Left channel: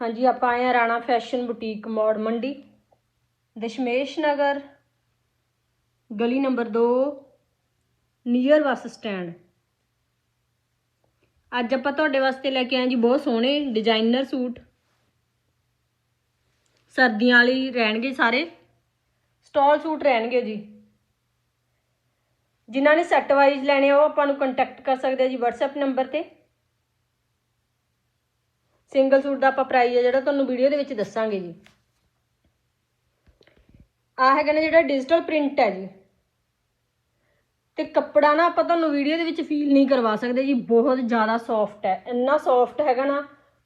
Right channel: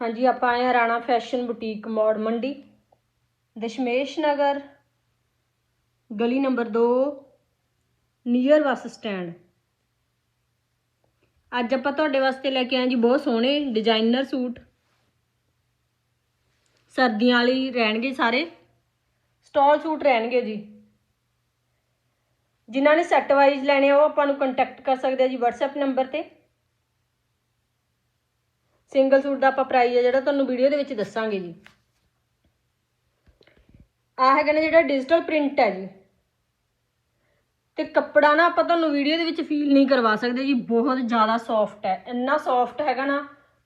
ਹਾਂਜੀ, ਆਪਾਂ ਆਏ ਆ ਰਾਣਾ ਫੈਸ਼ਨ ਬੁਟੀਕ ਮੋੜ ਮੰਡੀ। ਦਸ਼ਮੇਸ਼ ਨਗਰ, ਗਲੀ ਨੰਬਰ 2 ਨੀਅਰ ਬੱਸ ਸਟੈਂਡ। ਅੱਜ ਆਪਾਂ ਤੁਹਾਡੇ ਵਾਸਤੇ ਲੈ ਕੇ ਆਏ ਜੀ ਬਹੁਤ ਸੋਹਣੇ ਡਿਜ਼ਾਈਨਰ ਸੂਟ। ਸਰਦੀਆਂ ਵਾਲੀ ਰਹਿਣਗੇ ਸਾਰੇ। ਸਟਾਲ ਸੂਟ ਰਹਿਣਗੇ ਜੀ। ਜਿਨ੍ਹਾਂ ਨੇ ਸੈੱਟ ਵਾਈਜ਼ ਲੈਣੇ ਆ, ਉਹ ਆਪਾਂ ਨੂੰ ਕੰਟੈਕਟ ਕਰ ਸਕਦੇ ਆ ਜੀ WhatsApp ਨੰਬਰ ਤੇ। ਸਿੰਗਲ ਸੂਟ ਦਾ ਆਪਾਂ ਪ੍ਰਾਈਸ ਹੈ ਜਿਹੜਾ ਤੁਹਾਨੂੰ ਵੀਡੀਓ ਦੇ ਵਿੱਚ ਦੱਸਾਂਗੇ ਜੀ। ਆਹ ਹੈਗਾ ਨਾ ਜਿਹੜਾ ਡਿਜੀਟਲ ਪ੍ਰਿੰਟ ਹੈ ਜੀ। ਤੇ ਕੱਪੜਾ ਨਾ ਆਪਾਂ ਤੁਹਾਨੂੰ ਵੀਡੀਓ ਦੇ ਵਿੱਚ ਫੀਲ ਨਹੀਂ ਕਰਵਾ ਸਕਦੇ ਜੀ, ਬਹੁਤ ਜ਼ਿਆਦਾ ਸੌਫਟ ਹੈ। ਇੰਨਾ ਸੌਫਟ ਹੈਗਾ ਨਾ,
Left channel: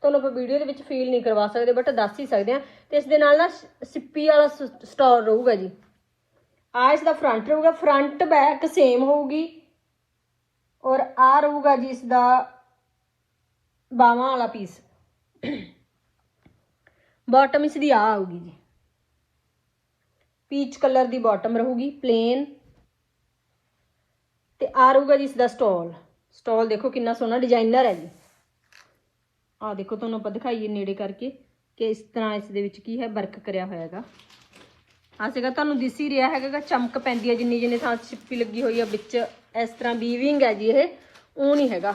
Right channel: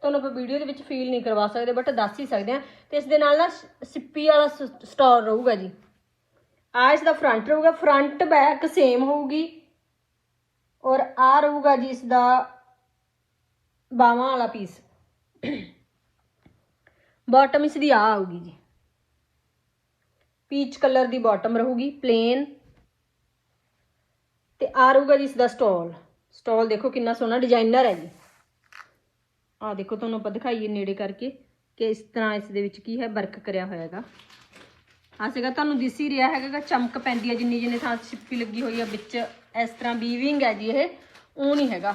ਤੁਹਾਨੂੰ ਆਪਾਂ ਵੀਡੀਓ ਦੇ ਵਿੱਚ ਫੀਲ ਨਹੀਂ ਕਰਵਾ ਸਕਦੇ ਬਟ ਦੱਸ ਹੀ ਸਕਦੇ ਆ ਤੇ ਇਸ ਦੇ ਨਾਲ ਨਾ ਸਿੱਪੀ ਵਾਲਾ ਸਟੋਰ ਰਹੂਗਾ ਜੀ। ਆ ਇਸ ਦਾ ਫਰੰਟ ਰਹੂਗਾ ਫਰੰਟ ਬੈਕ ਸੇਮ ਹੋਊਗੀ। ਔਰ ਆ ਰਹੂਗਾ ਜੀ ਇਸ ਦਾ ਬਾਹਾਂ ਵਾਲਾ ਪੀਸ ਬਾਟਮ ਇਸ ਦੀ ਆ ਆਊਗੀ ਜੀ। ਪੀਚ ਕਲਰ ਦੀ ਬਾਟਮ ਰਹੂਗੀ ਪਲੇਨ ਤੇ ਆ ਰਹੂਗਾ ਜੀ ਇਸ ਦਾ ਸਟਾਲ ਸਟਾਲ ਦੇਖੋ ਕਿੰਨਾ ਸੋਹਣਾ ਡਿਜ਼ਾਈਨਰ ਹੈ ਜੀ। ਆ ਦੇਖੋ ਤੁਹਾਨੂੰ ਆਪਾਂ ਦਿਖਾਈਏ ਨੇੜੇ ਕਰਕੇ ਕਿ ਇਸ ਤਰ੍ਹਾਂ ਇਸ ਦੇ ਵਿੱਚ ਕੀ ਹੈ ਵਰਕ ਕਰਿਆ ਹੋਇਆ ਹੈਗਾ ਆ ਸੀਗਾ ਤੁਹਾਨੂੰ ਦਿਸ ਹੀ ਰਿਹਾ ਹੈਗਾ ਚਮਕ ਪੈਂਦੀ ਹੈ ਜਿੰਨੀ ਜਿੰਨੀ ਥਾਂ ਛਿੱਪੀ ਲੱਗੀ ਹੋਈ ਹੈ ਵਿੱਚ। ਇਸ ਤਰ੍ਹਾਂ ਵੀਵਿੰਗ ਹੈ ਜੀ ਇਹ, ਉਹ ਨਹੀਂ ਹੈਗਾ।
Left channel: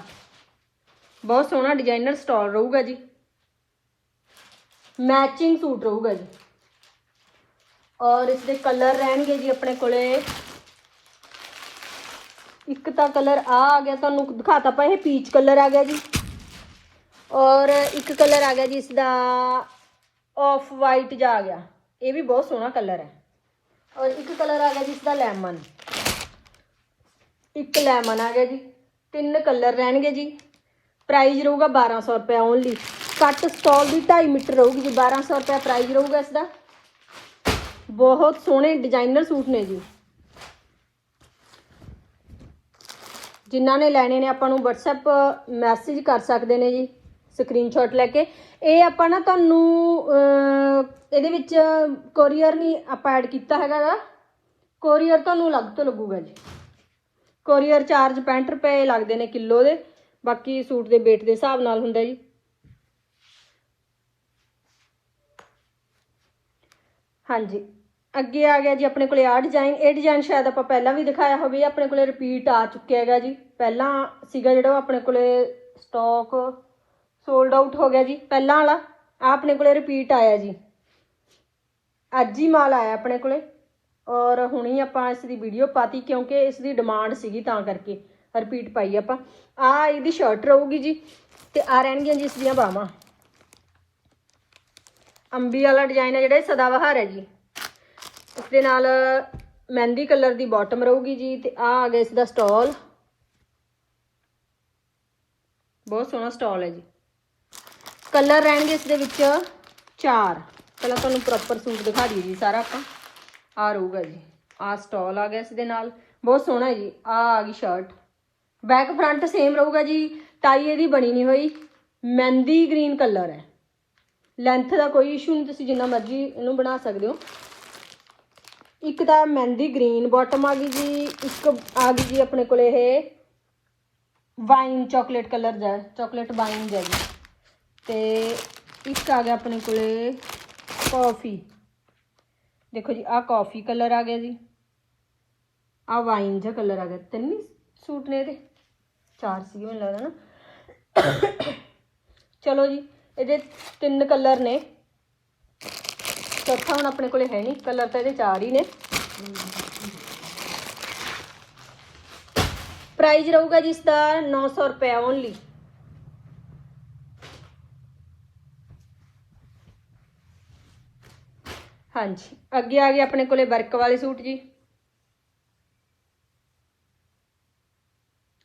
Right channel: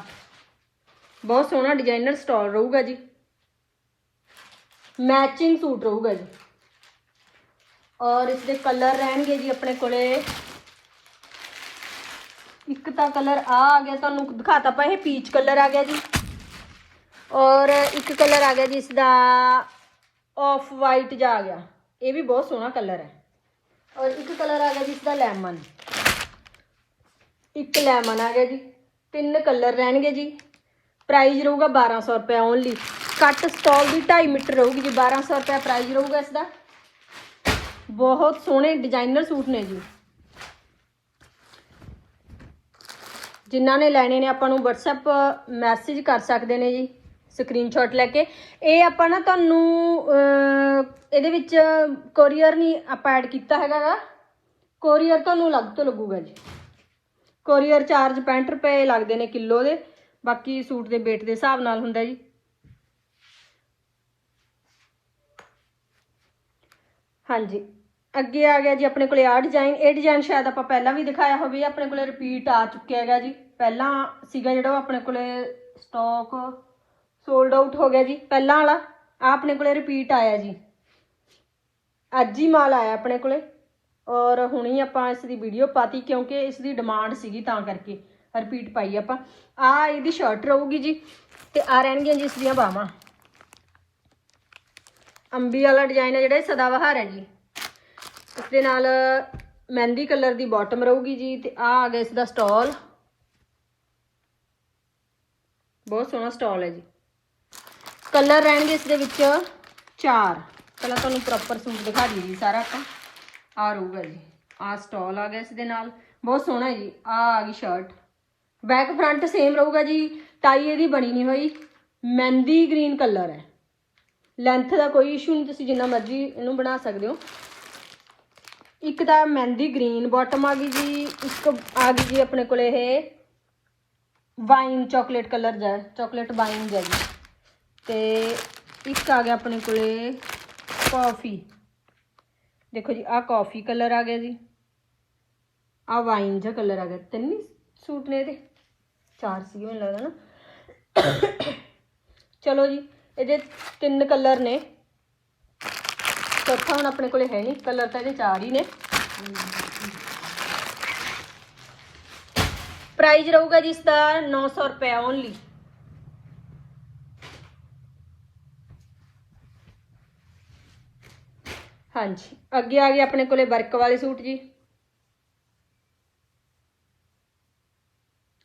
ਬਹੁਤ ਸੋਹਣਾ ਡਿਜ਼ਾਈਨਰ ਸਟਾਲ ਰਹੂਗਾ ਜੀ। ਮੈਚਿੰਗ ਸੂਟ ਰਹੂਗਾ ਜੀ ਔਰ ਇਸ ਦੇ ਕਲਰ ਰਹਿਣਗੇ ਜੀ ਆਪਣੇ ਕੋਲੇ ਇੱਕ ਤਾਂ ਕਲਰ ਆ ਆ ਗਿਆ ਤੁਹਾਨੂੰ ਦਿਖਾਤਾ ਪਾ ਇਹ ਪੀਚ ਕਲਰ ਆ ਗਿਆ ਜੀ ਔਰ ਇੱਕ ਕਲਰ ਆ ਗਿਆ ਜੀ ਇਸ ਦਾ ਆਫ ਵਾਈਟ ਜਾ ਆ ਗਿਆ ਇਹ ਵੀ ਬਹੁਤ ਸੋਹਣਾ ਕਲਰ ਹੈ ਔਰ ਇੱਕ ਕਲਰ ਆ ਗਿਆ ਜੀ ਇਸ ਦਾ ਲੈਮਨ ਇੱਕ ਲੈਮਨ ਆ ਗਿਆ ਜੀ ਤਿੰਨ ਕਲਰ ਰਹਿਣਗੇ ਜੀ ਪ੍ਰਾਈਸ ਰਹੂਗਾ 1200 ਰੁਪਏ ਓਨਲੀ ਕੱਟ ਸਟਾਲ ਦੀ 2.5 ਮੀਟਰ ਰਹੂਗੀ ਜੀ 1200 ਰੁਪਏ ਪ੍ਰਾਈਸ ਰਹੂਗਾ ਇਸ ਦਾ। ਬਹੁਤ ਸੋਹਣੇ ਡਿਜ਼ਾਈਨਰ ਸੂਟ ਨੇ ਜੀ। ਜਿਨ੍ਹਾਂ ਨੇ ਲੈਣੇ ਨੇ, ਆਪਾਂ ਨੂੰ WhatsApp ਮੈਸੇਜ ਕਰ ਸਕਦੇ ਨੇ ਜੀ ਸਕਰੀਨਸ਼ਾਟ ਲੈ ਕੇ। ਇਹ ਆਪਾਂ ਨਾ ਤੁਹਾਨੂੰ ਇਹਦੇ ਵਿੱਚ ਕੋਰੀਅਰ ਨਹੀਂ ਆਪਾਂ ਐਡ ਕੀਤਾ ਹੈਗਾ ਗਾ। ਕੋਰੀਅਰ ਤੁਹਾਨੂੰ ਅਲੱਗ ਤੋਂ ਲੱਗੂਗਾ ਜੀ। ਕੋਰੀਅਰ ਚਾਰਜ 65 ਰੁਪਏ ਲੱਗਦੇ ਨੇ ਕਿਲੋ ਦੇ, ਬਾਕੀ ਸੂਟ ਦੇ weight ਦੇ ਹਿਸਾਬ ਨਾਲ ਹੁੰਦਾ ਜੀ। ਹਾਂਜੀ। ਅੱਗੇ ਆ ਗਿਆ ਜੀ, ਆਪਣੇ ਕੋਲੇ ਆ ਡਿਜ਼ਾਈਨ ਇਹ ਡਿਜ਼ਾਈਨ ਸ਼ਾਇਦ ਆਪਾਂ ਪਹਿਲਾਂ ਵੀ ਦਿਖਾਇਆ ਹੋਵੇ, ਆਪਣੇ ਕੋਲੇ ਰਿਪੀਟ ਆ ਚੁੱਕਿਆ ਹੈਗਾ ਜੀ। ਪਹਿਲਾਂ ਸੀਗਾ ਜਿਹੜਾ ਉਹ ਆਪਣੇ ਕੋਲੇ ਸਟਾਕ ਸੋਲਡ ਆਊਟ ਹੋ ਗਿਆ ਜੀ, ਪਹਿਲਾਂ ਵਾਲਾ ਆ ਆਪਣੇ ਕੋਲੇ ਰਿਪੀਟ ਆਇਆ ਜੀ। ਅੱਜ ਹੀ ਮਾਲ ਆਇਆ ਆਪਣੇ ਕੋਲੇ, ਔਰ ਹੁਣੀ ਆਪਾਂ ਇਸ ਦੀ ਵੀਡੀਓ ਪਾਤੀ ਕਿਉਂਕਿ ਇਸ ਦੀ ਡਿਮਾਂਡ ਸੀਗੀ ਤਾਂ ਕਰਕੇ ਰਿਪੀਟ ਪਾਈ ਆਪਾਂ। ਆ ਇਹਦੀ ਸ਼ਰਟ ਰਹੂਗੀ ਜੀ, ਤੇ ਆ ਰਹਿਣਗੀਆਂ ਜੀ ਇਸ ਦੀਆਂ ਬਾਹਾਂ। ਅੰਬੀ ਵਾਲਾ ਡਿਜ਼ਾਈਨ ਹੈ ਜਿਹੜਾ ਇਹ ਸਦਾਬਹਾਰ ਹੈ ਜੀ। ਇਸ ਦੇ ਨਾਲ ਮਹਿੰਦੀ ਕਲਰ ਦੀ ਬਾਟਮ ਰਹੂਗੀ ਜੀ ਤੇ ਆ ਆ ਗਿਆ ਇਸ ਦਾ ਸਟਾਲ ਬਹੁਤ ਸੋਹਣਾ ਸਟਾਲ ਹੈ ਜੀ। ਕਲਰ ਰਹਿਣਗੇ ਇਸ ਦੇ ਵਿੱਚ ਚਾਰ। ਪਹਿਲਾਂ ਤੁਹਾਨੂੰ ਪ੍ਰੋਪਰ ਸੂਟ ਦਿਖਾ ਦਈਏ ਜੀ ਸਾਰਾ ਆਪਾਂ। ਆ ਰਹੂਗਾ ਜੀ। ਆ ਸਟਾਲ ਆ ਗਿਆ ਇਸ ਦੇ ਨਾਲ। ਬਹੁਤ ਸੋਹਣਾ ਜੀ। ਆ ਆ ਗਈ ਸ਼ਰਟ ਬੈਕ ਫਰੰਟ ਸੇਮ ਰਹੂਗਾ ਜੀ। ਟਾਈ ਇਹਦੀ ਬਣੀ ਨਹੀਂ ਹੋਈ। ਮਹਿੰਦੀ ਗ੍ਰੀਨ ਕਲਰ ਹੈ। ਲੈਂਥ ਦਾ ਕੋਈ ਇਸ਼ੂ ਨਹੀਂ, ਤੁਸੀਂ ਜਿੰਨਾ ਮਰਜ਼ੀ ਇਹਨੂੰ ਬਣਾ ਸਕਦੇ ਹੋ। ਇੱਕ ਤਾਂ ਮਹਿੰਦੀ ਗ੍ਰੀਨ ਬਾਟਮ ਆ ਗਈ ਜੀ, ਇੱਕ ਆ ਗਈ ਜੀ ਆਪਣੇ ਕੋਲ ਇਹ ਵਾਈਨ ਚਾਕਲੇਟ ਕਲਰ ਦਾ ਚਾਕਲੇਟ ਵਾਈਨ ਦਾ ਜੀ। ਤੇ ਇੱਕ ਆ ਗਿਆ ਆਪਣੇ ਕੋਲੇ ਕਾਫੀ ਦੇਖੋ ਜੀ ਆ ਕਾਫੀ ਕਲਰ ਆ ਗਿਆ ਜੀ। ਆ ਵਾਈਨ ਜਿਹਾ ਕਲਰ ਆ ਗਿਆ। ਤਿੰਨ ਸੂਟ ਨੇ ਇਹਦੇ। ਚਾਰ ਸੀ ਮੈਨੂੰ ਲੱਗਦਾ ਨਾ। ਚਲੋ ਜੀ ਇਹਦੇ ਤਿੰਨ ਕਲਰ ਨੇ। ਚੌਥਾ ਹੁਣ ਆਪਣੇ ਕੋਲੇ ਹੈ ਨਹੀਂ ਕਲਰ ਤਾਂ ਇਹਦੇ ਚਾਰ ਹੀ ਨੇ। ਪ੍ਰਾਈਸ ਰਹੂਗਾ ਜੀ ਇਸ ਦਾ 900 ਰੁਪਏ ਓਨਲੀ ਹਾਂਜੀ, ਅੱਗੇ ਆ ਗਏ ਆਪਣੇ ਕੋਲੇ ਵਰਕ ਵਾਲੇ ਸੂਟ ਜੀ।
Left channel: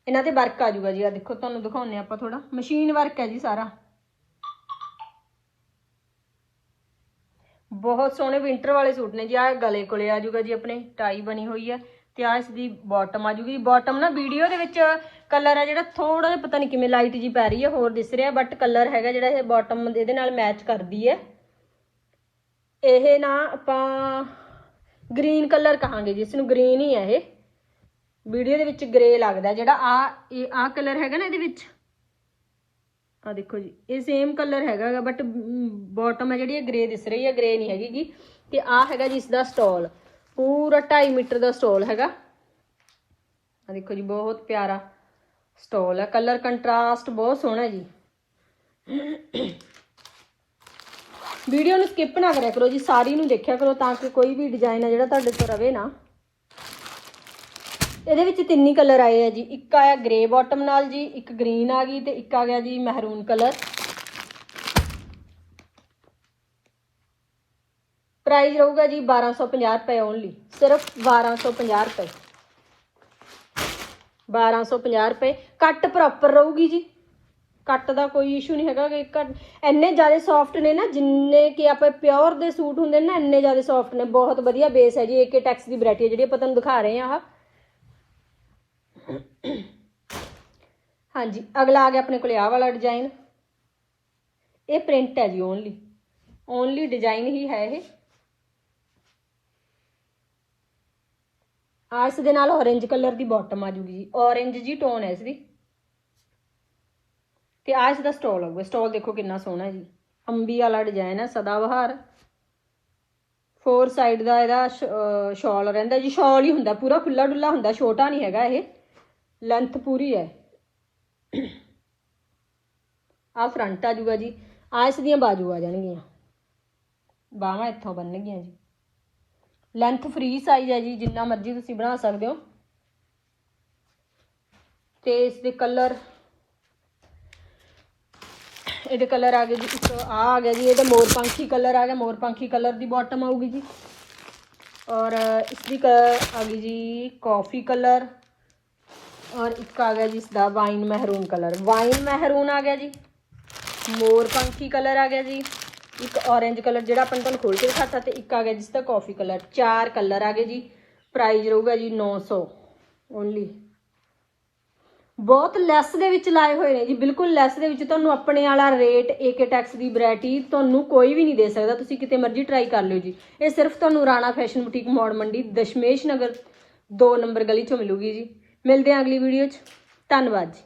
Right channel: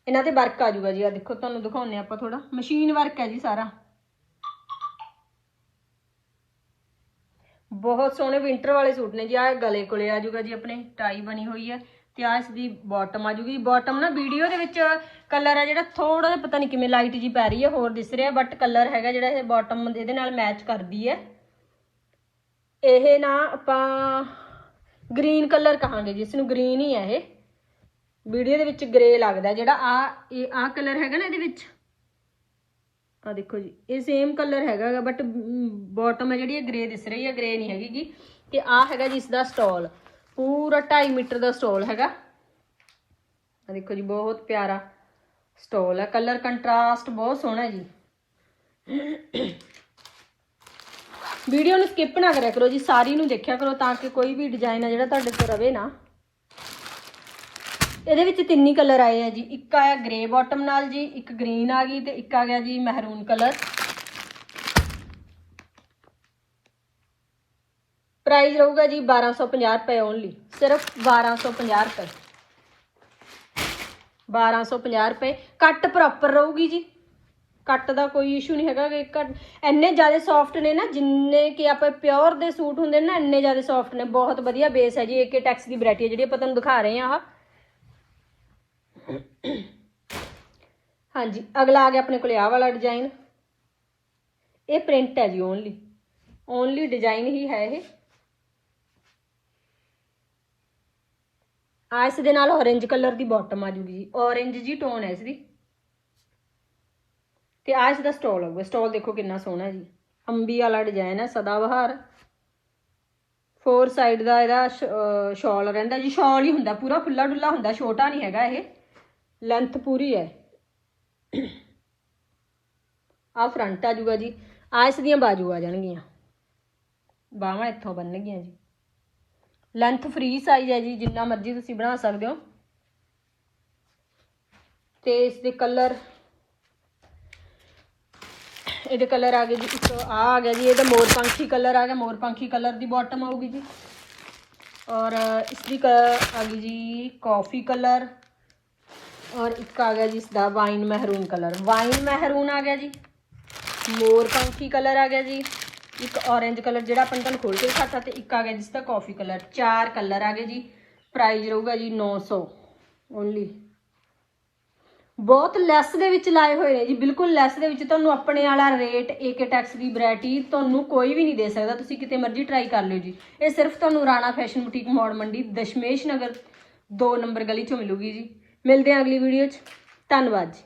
ਇਹਨਾਂ ਤੇ ਵਰਕ ਆ ਜਾਊਗਾ ਜੀ ਆ ਦੇਖੋ ਤੁਹਾਨੂੰ ਦਿਖਾਉਂਦੇ ਆਪਾਂ ਥੋੜਾ ਮਸ਼ੀਨ ਵਰਕ ਹੈ ਜੀ ਸਾਰਾ। ਬਹੁਤ ਸੋਹਣੇ ਵਿੰਟਰ ਵਾਲੇ ਸੂਟ ਨੇ ਜੀ ਆ ਗਲੇ ਕੋਲੇ ਆ ਜਾਊਗਾ ਜੀ ਆਪਣੇ ਟਾਈ ਬਣੀ ਹੋਈ ਹੈ ਤੇ ਆ ਇਸ ਦੀ ਬਾਟਮ ਆ ਜਾਊਗੀ। ਬਾਟਮ ਨਾ ਵੀਡੀਓ ਦੇ ਵਿੱਚ ਕਲਰ ਹੈ ਜਿਹੜਾ ਥੋੜਾ ਜਿਹਾ ਪਤਾ ਨਹੀਂ ਕਿਵੇਂ ਲਾਈਟ ਜੀ ਪੈ ਰਹੀ ਹੈ ਹੋਰ ਦਿਸ ਰਿਹਾ ਬਟ ਕਲਰ ਹੈਗਾ ਜਿਹੜਾ ਇਹ ਬਾਟਮ ਇਹਦੇ ਨਾਲ ਮੈਚ ਕਰਦੀ ਹੈ ਇਹ ਨਾ ਆਪਾਂ ਗ੍ਰੀਨ ਕਲਰ ਕਹਾਂਗੇ ਜੀ ਇਸ ਨੂੰ ਗ੍ਰੀਨ ਹੀ ਹੈ ਇਹ। ਵੀਡੀਓ ਦੇ ਵਿੱਚ ਗ੍ਰੇ ਲੱਗਦਾ ਜਿਹੜਾ ਆ ਇਹ ਆ ਕਲਰ ਹੈਗਾ ਨਾ ਇਹਦੇ ਵਿੱਚ। ਆ ਦੇਖੋ ਜੀ, ਇਹ ਸੇਮ ਕਲਰ ਹੈਗਾ ਬਟ ਬਾਟਮ ਹੈ ਜਿਹੜੀ, ਇਹ ਗ੍ਰੇ ਦਿਸ ਰਹੀ ਹੈ ਗ੍ਰੇ ਨਹੀਂ ਹੈਗੀ ਗੀ। ਤੇ ਆ ਹੈਗਾ ਜੀ ਇਸ ਦਾ ਸਟਾਲ ਪੂਰਾ 2.5 ਮੀਟਰ ਦਾ ਸਟਾਲ ਹੈਗਾ। ਆ ਦੇਖੋ ਜੀ, ਬਹੁਤ ਪਿਆਰਾ ਸਟਾਲ ਹੈ ਕਲਰ ਕੰਟਰਾਸਟ ਬਹੁਤ ਸੋਹਣਾ ਜੀ। ਵੀਡੀਓ ਨੂੰ ਸਕਿਪ ਨਾ ਕਰਿਆ ਕਰੋ ਜੀ, ਸਾਰੀ ਨੂੰ ਦੇਖਿਆ ਕਰੋ ਤਾਂ ਕਿ ਕੋਈ ਵੀ ਡਿਜ਼ਾਈਨ ਆ ਜਿਹੜਾ ਤੁਹਾਡੇ ਕੋਲ ਰਵੇ ਨਾ। ਇਹਦੇ ਵਿੱਚ ਤਿੰਨ ਹੀ ਕਲਰ ਆਏ ਆ ਜੀ। ਇੱਕ ਆਇਆ ਗ੍ਰੇ ਬਾਟਮ ਨਾਲ ਜੀ, ਇੱਕ ਗ੍ਰੀਨ ਆ ਗਈ ਤੇ ਇੱਕ ਆ ਗਿਆ ਜੀ ਮਹਿਰੂਨ ਕਲਰ ਪ੍ਰਾਈਸ ਰਹੂਗਾ ਜੀ 1250 ਰੁਪਏ ਓਨਲੀ ਸਿਰਫ 1250 ਰੁਪਏ। 1250 ਰੁਪਏ, ਕੱਟ ਪ੍ਰੋਪਰ ਰਹੂਗੀ ਜੀ। ਕੱਟ ਦਾ ਕੋਈ ਇਸ਼ੂ ਨਹੀਂ ਹੈਗਾ ਕਿ ਕੱਟ ਇੰਨੇ ਜ਼ਿਆਦਾ ਸੌਫਟ ਨੇ ਨਾ, ਜਿੰਨੇ ਕਿ ਆਪਾਂ ਪਿਓਰ ਦੇ ਸੂਟ ਹੁੰਦੇ ਨੇ ਨਾ, ਇੰਨੇ ਜ਼ਿਆਦਾ ਸੌਫਟ ਨੇ। ਬਹੁਤ ਵਧੀਆ ਬੇਸ ਹੈ ਜੀ ਏਕੇ ਟੈਕਸ ਦੀ ਵੈਰਾਈਟੀ ਹੈ, ਜਿਹੜੀ ਆਪਾਂ ਤੁਹਾਨੂੰ ਦਿਖਾ ਰਹੇ ਹਾਂ ਆਹ। ਹਾਂਜੀ, ਅਗਲਾ ਆ ਗਿਆ ਆਪਣੇ ਕੋਲੇ, ਆਹ ਵਾਲਾ ਡਿਜ਼ਾਈਨ ਇਹ ਪ੍ਰਿੰਟ ਹੈ ਜੀ ਓਨਲੀ ਓਨਲੀ ਡਿਜ਼ਾਈਨ ਹੀ ਹੈ ਇਹ। ਆ ਇਸ ਦੇ ਨਾਲ orange ਕਲਰ ਦੀ ਬਾਟਮ ਆ ਜੂਗੀ ਜੀ। Orange ਜੀ ਟੋਨ ਹੈ ਇਸ ਦੀ ਤੇ ਆ ਇਸ ਦਾ ਸਟਾਲ ਹੋਊਗਾ ਸਟਾਲ ਦੇਖੋ ਕਿੰਨਾ ਸੋਹਣਾ ਹੈ ਜੀ। ਅੰਬੀ ਵਾਲਾ ਡਿਜ਼ਾਈਨ ਹੈ, ਸਦਾਬਹਾਰ। ਫੋਰ ਸਾਈਡ ਦਾ ਇਹਦਾ ਸ਼ਾਲ ਰਹਿੰਦਾ ਜੀ। ਸ਼ਾਲ ਹੀ ਹੁੰਦਾ, ਪੂਰਾ ਖੁੱਲਾ ਡੁੱਲਾ ਹੁੰਦਾ, ਛੋਟਾ ਨਹੀਂ ਹੈਗਾ ਇਹ। ਲੈਂਥ ਪੂਰੀ ਹੈ। ਆ ਫਰੰਟ ਆ ਜੂਗਾ ਜੀ। ਆ ਇਸ ਦੀਆਂ ਬਾਜੂ ਆ ਜਾਣਗੀਆਂ। ਬਾਹਾਂ ਇੱਥੋਂ ਬੰਨਣਗੀਆਂ ਜੀ। ਲੈਂਥ ਫ੍ਰੀ ਸਾਈਜ਼ ਹੈ ਜੀ, ਜਿੰਨਾ ਮਰਜ਼ੀ ਤੁਸੀਂ ਬਣਾ ਸਕਦੇ ਹੋ। ਤੇ ਇਸ ਦੇ ਕਲਰ ਇਹਦੇ ਕਲਰ ਆ ਗਏ ਜੀ, ਇੱਕ ਆ ਆ ਗਿਆ ਜੀ, ਇਹਦਾ ਮੋਰ ਪੰਖੀ ਕਲਰ ਆ ਗਿਆ। ਮੋਰ ਪੰਖੀ ਕਲਰ ਦੀ ਬਾਟਮ ਆਊਗੀ ਜੀ। ਔਰ ਇਸ ਦੀ ਕ- ਆ ਗਈ ਜੀ ਕਾਫੀ ਕਲਰ ਔਰ ਇੱਕ ਆ ਗਿਆ ਜੀ ਇਸ ਦਾ ਵਾਈਨ ਮਹਿਰੂਨ ਕਲਰ। ਵਾਈਨ ਮਹਿਰੂਨ ਆ ਗਿਆ ਜੀ। ਮੋਰ ਪੰਖੀ ਕਲਰ ਆ ਗਿਆ ਜੀ। ਇੱਕ orange ਕਲਰ ਜਿਹੜਾ ਆਪਾਂ ਤੁਹਾਨੂੰ ਖੋਲ ਕੇ ਦਿਖਾਤਾ ਤੇ ਇੱਕ ਆ ਗਿਆ ਜਿਸ ਦਾ ਕਾਫੀ ਕਲਰ। ਚਾਰ ਕਲਰ ਆ ਗਏ ਜੀ। ਪ੍ਰਾਈਸ ਰਹੂਗਾ ਜੀ 900 ਓਨਲੀ ਬਹੁਤ ਲੈਸ ਦੇ ਵਿੱਚ ਲਾਏ ਹੋਏ ਨੇ ਜੀ। ਬਿਲਕੁਲ ਲੈਸ ਦੇ ਵਿੱਚ ਤੁਹਾਨੂੰ ਆਪਣੇ ਵਾਲਾ ਰੇਟ ਏਕੇ ਟੈਕਸ ਦੀ ਵੈਰਾਈਟੀ ਤੁਹਾਨੂੰ ਕੋਈ ਵੀ ਨਹੀਂ ਦੇ ਸਕਦਾ। ਤੁਸੀਂ ਕਿਤੇ ਮਰਜ਼ੀ ਟਰਾਈ ਕਰ ਲਿਓ ਜੀ। ਇਹ ਸਿਰਫ ਤੁਹਾਨੂੰ ਰਾਣਾ ਫੈਸ਼ਨ ਬੁਟੀਕ ਮੋੜ ਮੰਡੀ ਦਸ਼ਮੇਸ਼ ਨਗਰ 2 ਨੰਬਰ ਗਲੀ 'ਚੋਂ ਮਿਲੂਗੀ ਜੀ। ਮਿਲਦੇ ਹਾਂ ਅਗਲੀ ਵੀਡੀਓ 'ਚ। ਧੰਨਵਾਦ ਜੀ।